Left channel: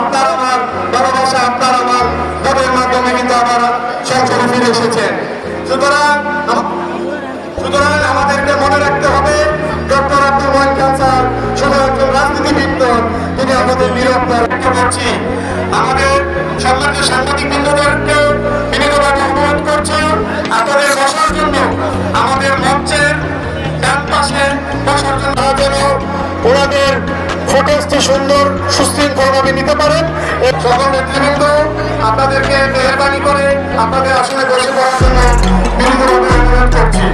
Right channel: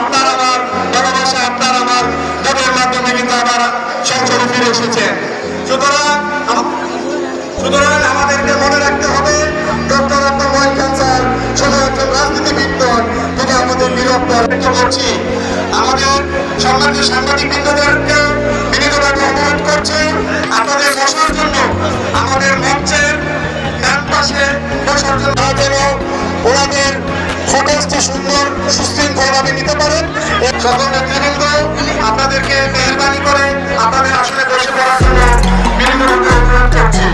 আপনার আমার ভালোবাসা, আপনার আমার ভোটের মাধ্যমে কিন্তু আপনারা সংসদে ফিরে এসেছেন। সুতরাং আমাদেরকে মনে রাখতে হবে ডক্টর আব্দুল ওয়াহিদ খান স্যার শুধু একজন রাজনীতিবিদ নন, তিনি আমাদের নিরন্তর করছি। আমাদের সম্মানিত সাংবাদিকবৃন্দদেরকে বিনীতভাবে অনুরোধ করছি আপনাদের বসার জন্য, আমাদের মঞ্চের ডান পাশে বসার জন্য যেন ওনাদের ফুটেজটি সুন্দর সুশৃঙ্খলভাবে নিতে পারেন। সকল নেতৃবৃন্দ আপনাদেরকে মেহেরবানি করে আপনাদের আসনে বসে পড়ার জন্য বিনীতভাবে অনুরোধ করছি।